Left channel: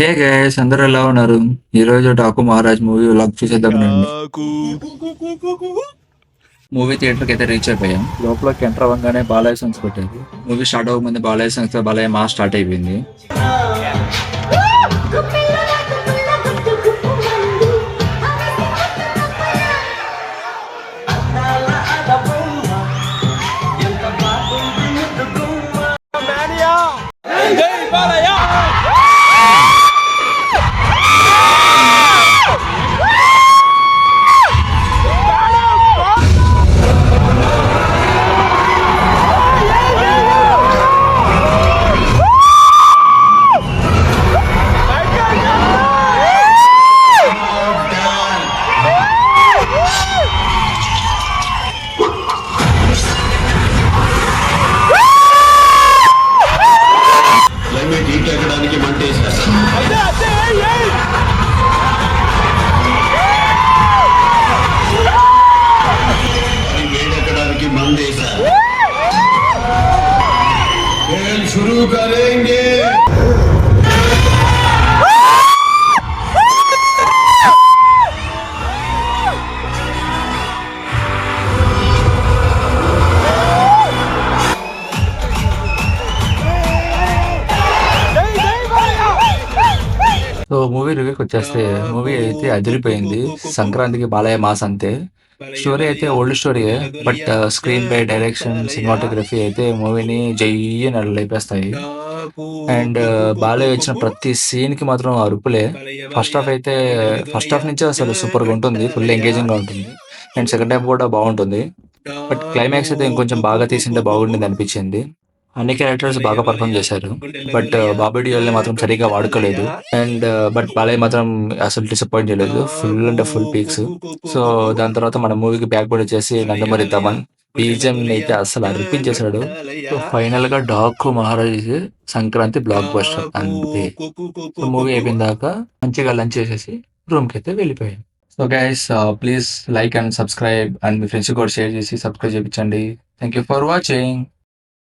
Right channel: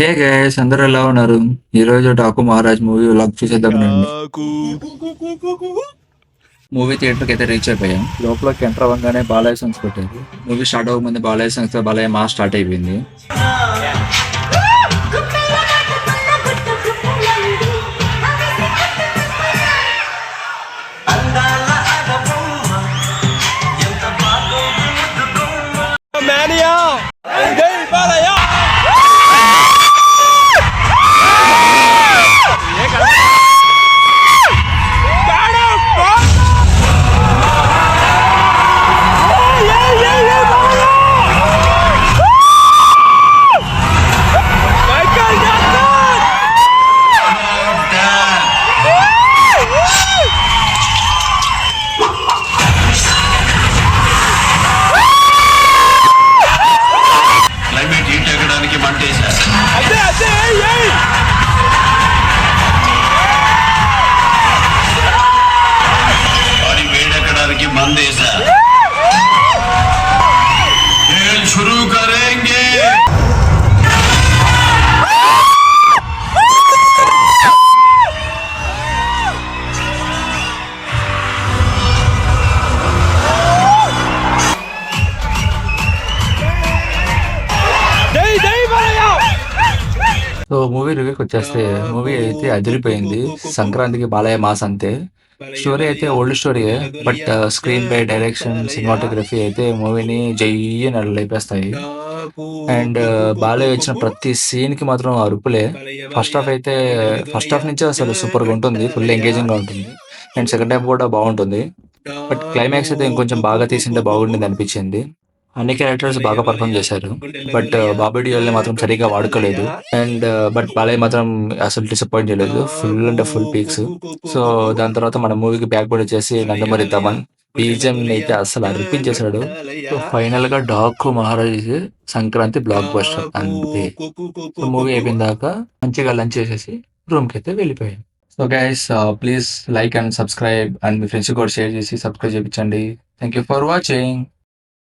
Hey guys, అందరూ ఎలా ఉన్నారు? ఈ రోజు డాకు మహారాజ్ మూవీ వ్లాగ్ చూసేద్దామనండి. మూవీ థియేటర్కి అయితే రీచ్ అయిపోయాం. లోపలికి ఎంటర్ అవ్వగానే బాలయ్య సాంగ్స్ పెట్టారు. మూవీ స్టార్ట్ అవ్వకముందు బాలయ్య సాంగ్స్ తో బాలయ్య మాస్ స్టార్ట్ అయిపోయింది. క్లైమేట్ హీట్ ఎక్కడానికి మంటేశా బాడీ వేడెక్కడానికి మందేశా खेल शुरू करेंगे సో మూవీ రివ్యూకి వచ్చేస్తే మూవీ అయితే అదిరిపోయింది. సంక్రాంతికి బాలయ్య మాస్ అంతే. స్టోరీ అయితే ఓల్డ్ స్టోరీయే, but screenplay, direction, cinematography అయితే మూవీని జయ్యని లేపేస్తాయి. అండ్ బాలయ్య వచ్చిన ప్రతి సీన్ కి మాత్రం అరుపులే. ఫస్ట్ హాఫ్ నుంచి అసలు సూపర్ గా ఉంటుంది, ఫుల్ ఎంగేజింగ్ గా ఉంటుంది. అండ్ సెకండ్ హాఫ్ కూడా బాగుంటుంది. బట్ క్లైమాక్స్ అయితే ఇంకొంచెం బాగా తీసింటే బాగుండేది అనిపించింది. అన్ని క్యారెక్టర్స్ బాగా పర్ఫామ్ చేశారు. బట్ బాబీ డియోల్ని మాత్రం సరిగ్గా వాడుకోలేదు. అండ్ బట్ బాలయ్య మాత్రం అసలు డిసప్పాయింట్ చేయలేదు. ఫుల్ అంటే ఫుల్ పీక్స్. సో దాని తర్వాత మన మూవీకి బ్యాక్ బోర్డ్ వచ్చేసి నందమూరి తమన్. బీజం అయితే అసలు అర్పించేశాడు. సో ఫైనల్ గా డాకు మహారాజ్ సంక్రాంతి బ్లాక్ బస్టర్ అంతే. సో మూవీ అయిపోయిన దాకా మంచిగా లంచ్ చేసేసి రూమ్ కి అయితే వెళ్ళిపోయాం. So guys, please like and subscribe, and me friends కూడా షేర్ చేసి సబ్స్క్రైబ్ చేయించండి. Thank you for watching.